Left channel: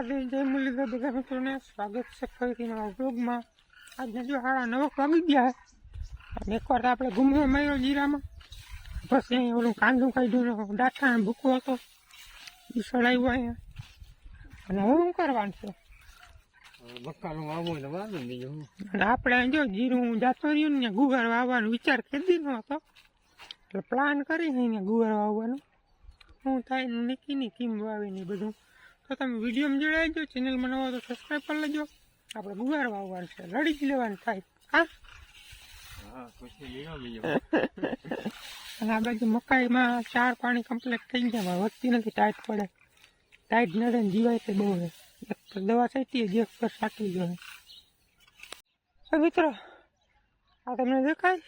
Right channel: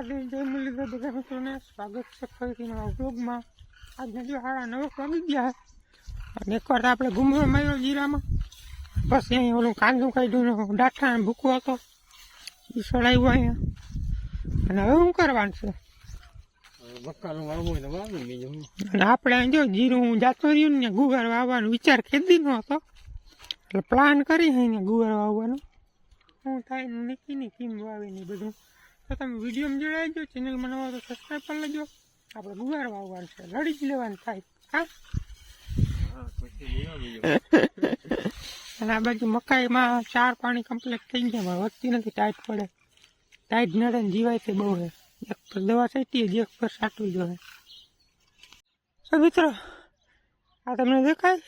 નમસ્કાર મિત્રોને સ્વાગત છે ફરીથી નવા વ્લોગમાં આજના જો સાડા નવ વાગી ગયા અને એકવાર આપણે ઘૂમરો માર્યો જીરામાં પછી અહીં ઓલું કાંદું કાઢ્યું ડાઠા અને ભૂકો હતો. એ સળાવ્યું અહીંયા. અને હવે શું કરવાનું છે? આપણે અહીં જો જીરું જાતો રહ્યું ને ગુવાર વાવવાનો વિચાર ખેદીનો હતો. એટલે પ્લાન કરી ને ગુવાર વાવવાનો. હું થાય ને નક્કી નહીં કેમ વાવી ને બધું. તો તમે વિડીયોમાં જોડાઈ દો ચેનલમાં નવા તો સબસ્ક્રાઈબ કરી લેજો. આપણે ગુવાર વાવવાનું છે લડી જ લેવાનું થાય. હા? અને આ બાજુ મકાઈમાં ચાર પાણી કમ્પ્લીટ થઈ જાય વધતી નથી ટાઈટ પડે. ટાઈટ નડે જીવાય તે બહુ એક પર દવા છાંટી જે એક પર સાટવી ગયો તો મિત્રો આ તમને દેખાય?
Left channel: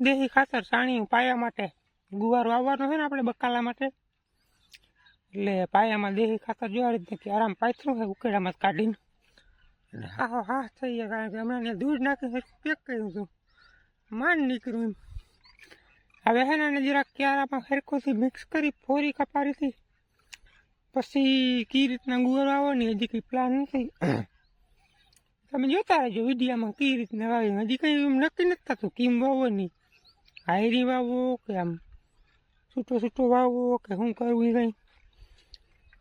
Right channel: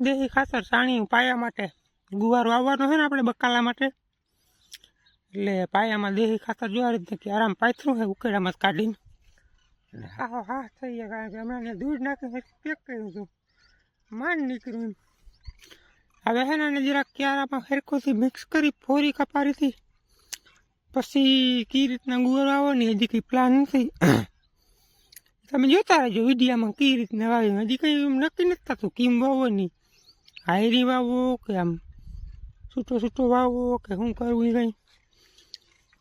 દેશી ખાતર સાણી પાયા માટે ગુવાર વાવવાનો છે ને આપણે બકાલા માટે? એટલે પાયામાં દેહી ખાતર જોવા રીતે કે આરામ પાથરું છે ઉકેડામાં જ કાઢીને. હા. હા થઈ ગયા. કારણ કે હમણાં દૂધ નાખીને પેક કર્યું હતું. માંડ નીકળ્યું એમ. હવે હે ને જરાક ક્યારામાં ફેરકોથી મિક્સ કરી ફોરી કપારીથી પછી કઈ રીતના ગુવાર વાવો ને હજી કંઈ પ્લાન નથી. તમે જોતા રહેજો વિડીયામાં કઈ રીતના વાવી. હજી કંઈ એમ નક્કી નથી થતું કેમ વાવો નહીં હાયરી વાવો કે આમ છૂટો છૂટો વાવો કે શું કરવું એ કંઈ.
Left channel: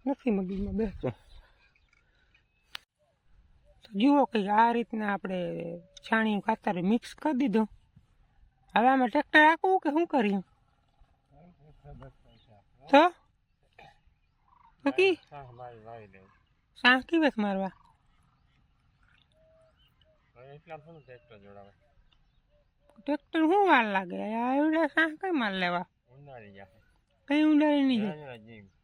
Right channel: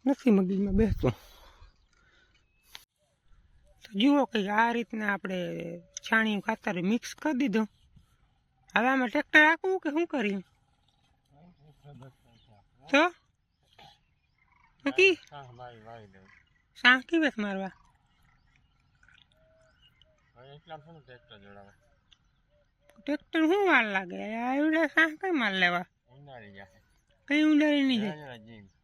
નથી મગજમાં બેસતું. તો જુઓ કે આ રીતના આપણે છાણિયું ખાતર મિક્સ કરી દીધું. હવે આમાં ટ્રેક્ટર રાખવું કે શું કરીએ તો? નક્કી? હા વાવી વાવી દેવું સાં કેવી મારવા. ટ્રેક્ટર શું વાર લાગે? એવડે સાં કઈ માલ લેવા કઈ ઉડાડી નહીં જાય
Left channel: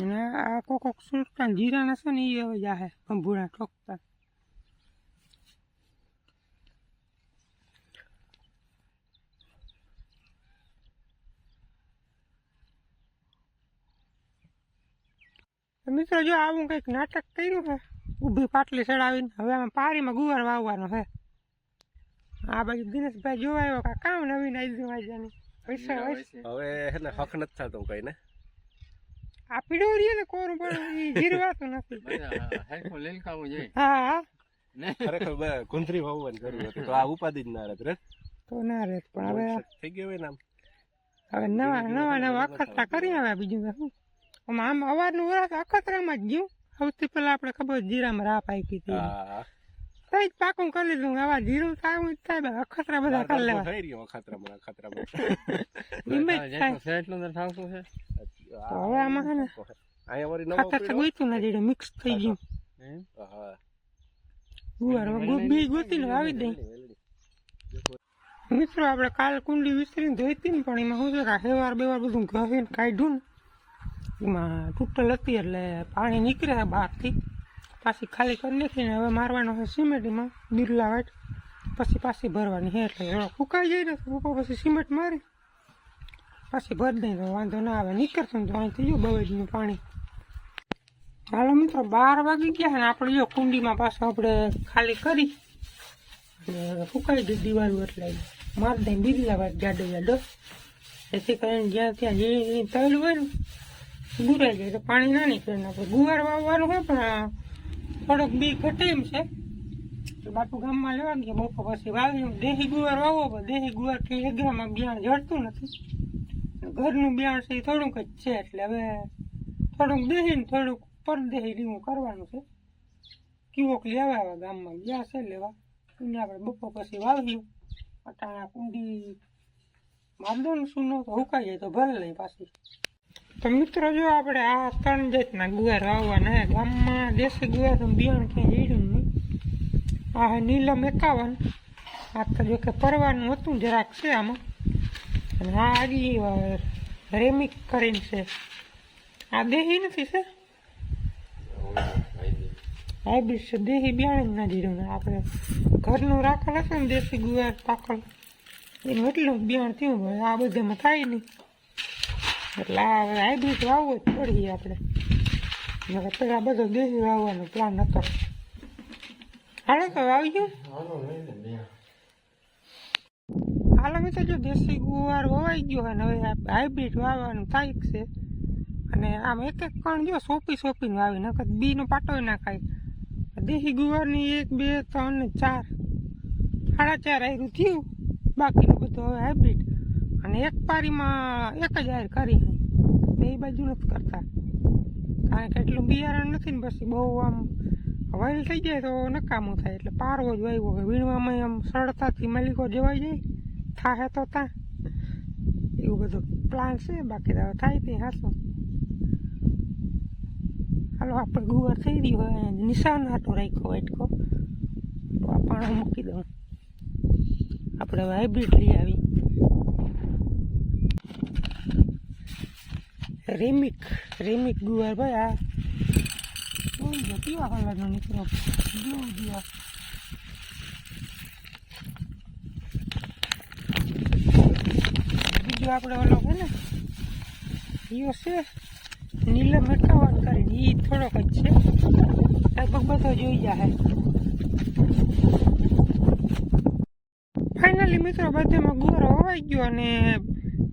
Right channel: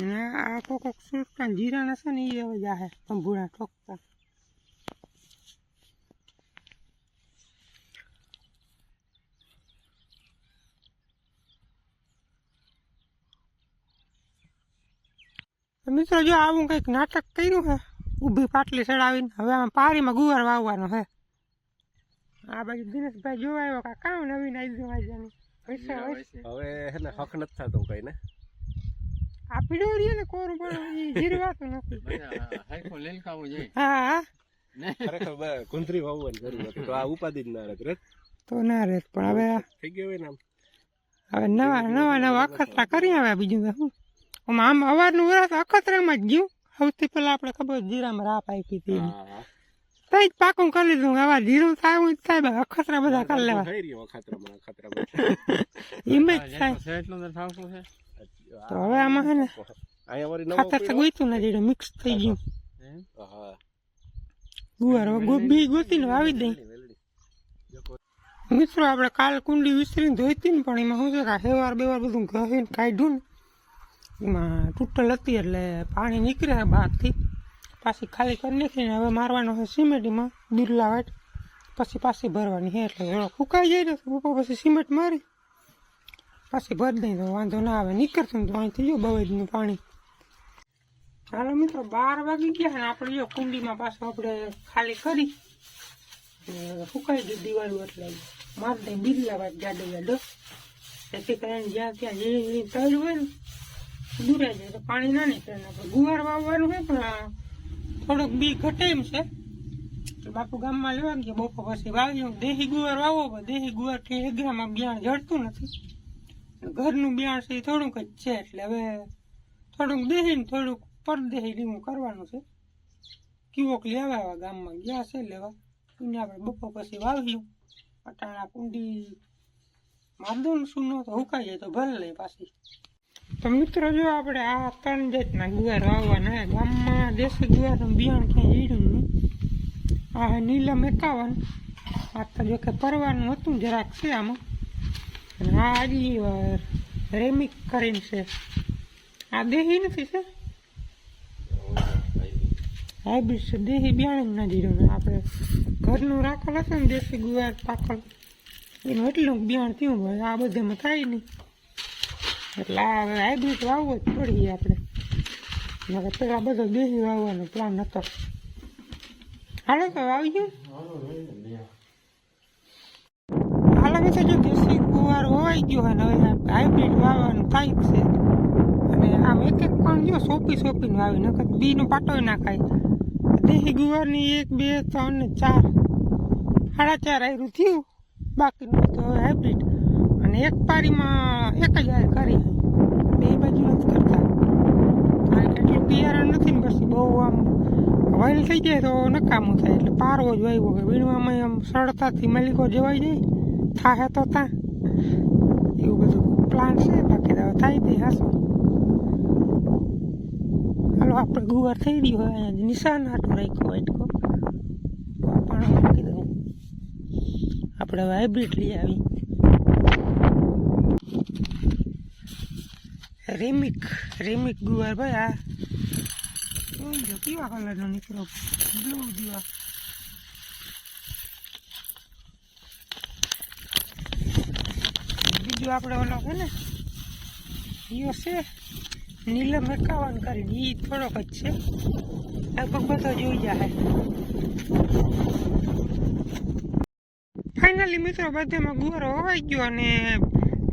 અને આ કોક કોક સુરતા જીરાના છે ને એ હવે જાહે કંભુડા ઠોકતા. મિત્રો જો આવું કંઈક નાટક કર્યું છે ઊભી પાટલી ચડાવીને હવે આમાં પારીમાં ગુવાર વાવવાનો છે આ બાજુ દિનેશભાઈ જોવા આવ્યો કે કામ નવીન આવી હોય હવે હે ને હક નથી થતો કઈ ને? આ પીડો રહીએ ને કોરું પણ એ જીરવાતું નથી. લીલકાવું જોઈએ. હા. હા ખરેખર કુંથરી વાવવાની જરૂર હતી તો આ ઉપાધિ જ ના રહેત તો ના રહે પણ હવે થઈ ગયો હોય ને હવે નવા નવા નવા અખતરા કરી આવે બીજું શું? આમ આમ અવારનું વરસ અખતરામાં જ ગયું. સૌથી પહેલા આપણે ખબર જીરામાં રાપ આપી હતી. જ પાકું કરી લીધું આવા જીરું થાય હું થાય અખતરા બધા કરી લેવા. થઈ રહ્યો અખાતરામાં અખાતરામાં એમ જ જેટલું થાય. એટલું તો થાવતું છે. તો હવે આમાં છે ને અહીંયા વળી નવો ખાતર તો ગોઈતું નથી મિક્સ થઈ ગયું. ગુવાર હવે ગોબી ગોતીને વાવી દઈ મિત્રો આપણે કાલ કુંડી વિસરીને ધોઈતી ને પણ એમાં શું છે કે હેવાર બેવાર બધું ઘસીને કાઢ્યું ને એમાં તૂટલ હતી એટલે પાણી નીકળે બહારથી પાછી ખાલી કરી નાખીને હવે મારવાનો છે સિમેન્ટમાં, બિરલા વાટ. પછી પાછી ભરવાની છે એટલે એનો ફૂંકાઈ જાય ને ઉપર પછી સિમેન્ટ મારી. પાછી ભરી દઈ તો વાંધો ના આવે. નીકળતું ને તો અહીંથી જો બવેજનું પાણી. હાલો મિત્રો, બાર વાગી ગયા ને આપણે જો કુંડીમાં પાછું આપણે ખાલી કરી. અને ફૂકાઈ ગઈ દીવાનું એટલે મારી દઈ બિરલા વાટ જાડો જાડો એથી કરીને જ્યાં ત્યાં જે તળ હોય ને, દૂરાઈ જાય તો પાણી ના નીકળે. આપણે ગુવાર વાવવાનું હોય પણ થોડોક બી ઘટે એમ છે. બાપુ ગામમાં લેવા ગયા બપોર પછી વાવ્યું દેહી ગુવાર વાવો, પણ દેહી ગુવાર કે એગ્રામાં બિયાણ જડતું નથી. ઘરનું બિયાણ છે એ થોડુંક જ છે. એટલે હવે થોડુંક દેહી ને થોડુંક પરદેહી લીમું કરવાનું છે. કીવોક લેવા આવ્યા ગામમાં ગયા છે લેવા. એને આપણે બપોર પછી વાવ્યું અટાણા કુંડી મારદો ને સૂનો તો હુકાઈ જાય તો ભલે લઈ પાછી. તો મિત્રો, જો આપણે આ ત્રણ જાતના ગુવાર વાવવાના ગામમાં દેશી ગુવારનું બિયાણ ક્યાંય હીડ્યું નહીં. આ નીલમ એકાવન. આ તો જો કે પરવાનું હતું જરાક છે આમાં. આ આજી રેમિક કરીને છે. આ દેહી નથી છે? હાઇબ્રિડ છે. દેહી બિયાણ ના જીરું આપણે ઘરનું રાખેલ હશે ને દેશી ગુવાર પાકળ. એનું એટલું બિયાણ થયું હોય, આ બધામાં થાય નહીં. એટલે હવે હાઇબ્રિડ વાવવું જ પડીએ આપણે. હવે પેલા બધો દેશી વાવવાનો પ્લાન હતો હાલો તો વાવી ગયું? હાલો મેં જો દેશી ગુવાર વવાઈ ગયો હોય ને હવે હાઇબ્રિડ વાવવાનું જ છે. અને આમ એક એક પણ જો સોંપી સોંપીને આવી નકર બીનો પાટોય નાખાય દેશી ગુવારની એક, બે, ત્રણ ચાર. સાડા ચાર આવ્યું થયું. બાકીનું બધું હવે હાઇબ્રિડ અને એક પારીમાં એક જ હાર કરી બે બાજુ નથી કરતા. કારણ કે એટલું બિયારણ નથી ને પછી બહુ આમ વાયલ થઈ જાય તો નકામું થાય. એટલે પારવો જ વાવ્યો કે વીણવામાં આમ સરળતાથી મલિકો જવાઈ જાય. થાહે તો તા. એવું બધું પ્લાન છે. બાકી તો થાય તે હાસો. હાલો, આપણે ગુવાર થઈ ગયું હોય. નિશાન હાટો રાખ્યો વાટકો પણ મૂકી દઉં આપણે હાઇબ્રિડ લઈ આવી. રેમિક રેમિક ગુવાર ભાઈ, આ લો કેવા કલરનો નીકળો? બ્લુ જેવા બીજું આપણે ઓલો છે ને ઈયો છે નીલમ એકાવન કરી એ થોડોક જ છે. લગભગ બધો જોઈ જાય ફાઇનલી મિત્રો, બધામાં ગુવારો હોવાઈ ગયો અને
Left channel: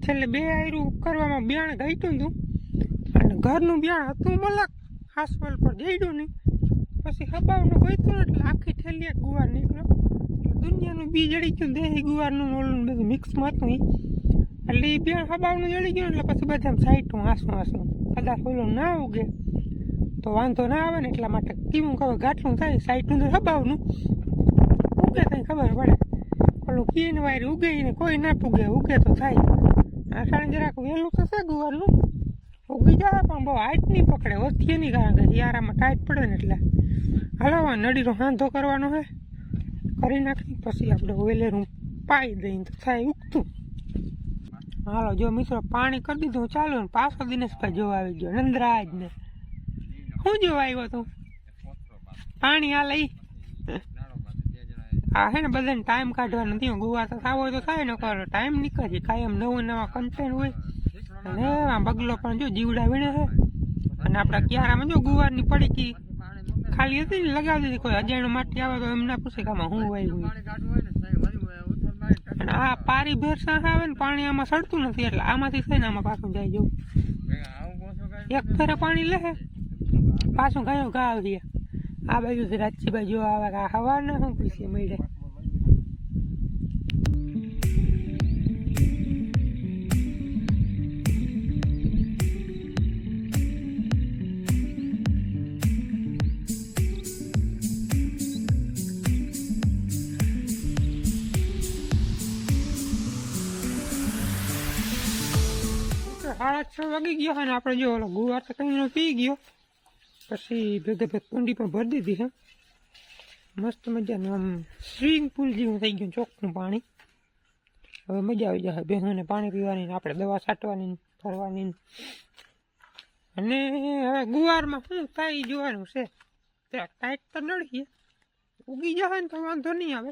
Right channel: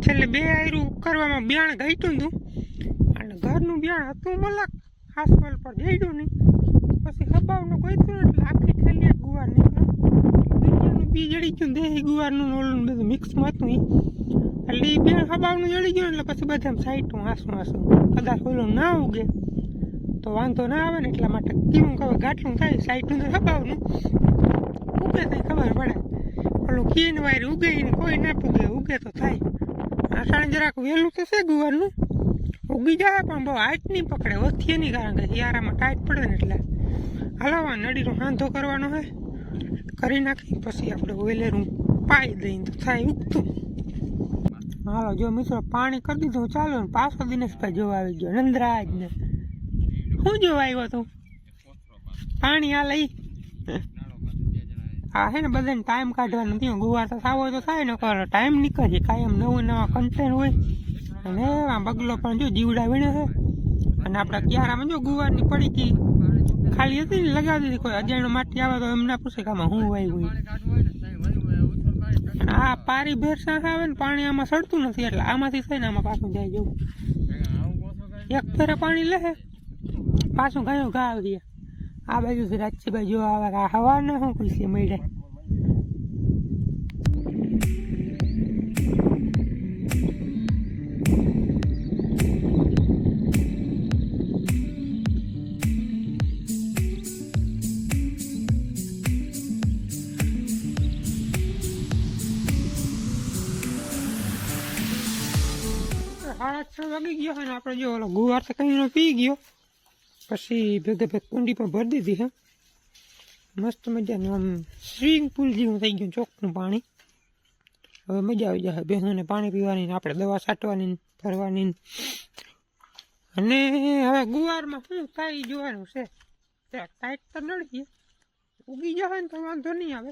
છેલ્લે બે આયરું કરવામાં બિયાણ ઘટ્યું હતું. ઘરનું બિયાણ હતું મલક. આસપાલ પર જઈડું નહીં. પછી હબાવનું ગોઈતું એટલે આખી થેલી ગુવાર નીકળ્યો. દુનિયાનું બી જડી ગયું દેહી ગુવારનું ઓલું બધું મિક્સમાં હતું. એટલે એ બે હબાવનું જડી ગયું એટલે પછી બધા સાઈટું હાસું હાસું. કદાચ ઓલું ના ઉગે. તો વાંધો ના આવે ને એટલા માટે કેવું ખબર ગાંઠલું થાય સાઈટનું તો હબાવનું. ઉગે તો ખબર પડે. ઓલું કીન વાયર ઉગે ને કોઈ ના પૂગે, ઉગે તો થાય. આષાઢ જરાક વહેલું છે ગુવારનું. ઉગી જાય પણ બહુ હાઈટ નહીં પકડે ઓથીએ નહીં કારણ કે શિયાળામાં ટાઈટ પડે ને એટલે હલાવવા નડીનો હાંધો કરવાનો હે કરી નાખી પછી આપણે વેલેરું પાઈ દઈને તો થાય ઉગતું. હાલો, જો મિત્રો, પાણી કરી દીધું, ચાલો ને પાછો દિનેશભાઈ જોવા આવી ગયો નંદરાજ ને શું જોવા આવ્યો તું? પાણી આ લઈ. આ હે ને બધાને ટાઈમ કાઢવાનો નથી ગુવા તો થાવ તો થાય ને ટાઈમ નીકળે કાયમ નવું નવા કન્ટેન્ટ હોય. અને આ બગલો પણ જો જીવડા વીણ્યો છે. અને આપણા ક્યારામાં જો ગુવારની પડી હતી ખાલી હતી ને લગાવી દીધી, કોઈ અજાણ્યો માટી આવે તો એમને પૂછે કે આમાં હું વાવ્યું અને આ પારી ભેરસા આવે ને પાણી આમાં સડતું નથી એટલે આમાંથી થઈને આમાં પાછું જાય જવું એક ફેરે પાણી લે પાછું ઘણું ઘા આવી આ બાજુ રાજ્ય બાજુ આવે આ હવા ન શું પૈસે મળે. સાડા છ વાગી ગયો અને આપણે જો ઓલો ગુવાર તો કઈ પી ગયો. પછી ભેગે ભેગ કુંડી પણ ભરી દીધી, હા. મસ્ત મજાનું આમ સ્વિમિંગ પુલ જેવું થઈ ગયું ચોકનું પાણી. હવે મજા આવી જાય ભેંસોને પાણી પીવાની ને આપણે દવા છાંટવાની ફરવાની. અને હવે ગુવારમાં શું કાંઈ જોવાનું છે? ત્યાં ટાઈટ તો નડીએ ઉગી જાય ને તો વાંધો નહીં આવે.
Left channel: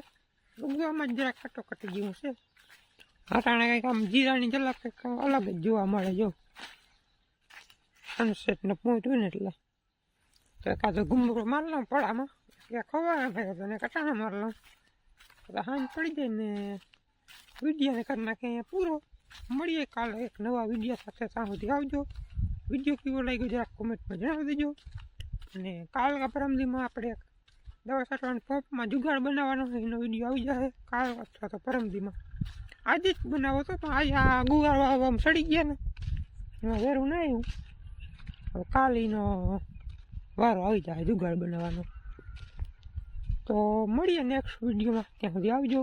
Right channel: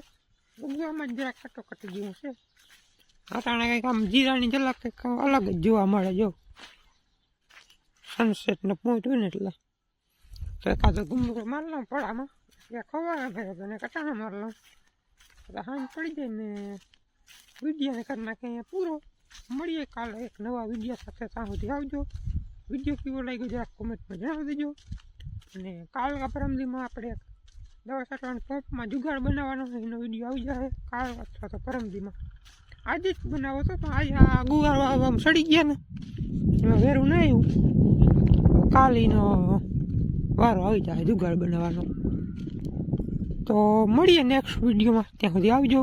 ઉગવામાં જ જરાક ખાટો કટી જેવું છે. અટાણે કંઈક આમ જીરાની ઝલક કંઈક અલગ જ જોવા મળે, જો. સનસેટનો પોઈન્ટ હોય ને એટલે. તો એકાદો ગુમડો માર લઉં પડામાં. ત્યાં ખવાય ભાઈ તો કટાણા માર લઉં એટલે હાંજ પડી જાય ને વિડીયોને કરી નાખે અહીંયા પૂરો. મળીએ કાલે એક નવા વીડિયો સાથે ત્યાં સુધી આવજો. વીડિયો કેવો લાગ્યો જરાક કોમેન્ટમાં જણાવી દેજો. અને કાલ પરમદીમાં આપણે દવા છાંટવાની પંપમાં જુગાડ બનાવવાનો એનો વીડિયો આવી જાય કાલ અથવા તો પરમદીમાં આજે જ બનાવો તો પણ આ ગુવાર આમ સડી ગયા ને. એમાં વેરું ના આવ્યું. કાલીનો વારો આવી જાય, જુગાડ બનાવવાનો. તો મળીએ નેક્સ્ટ વિડીયોમાં ત્યાં સુધી આવજો.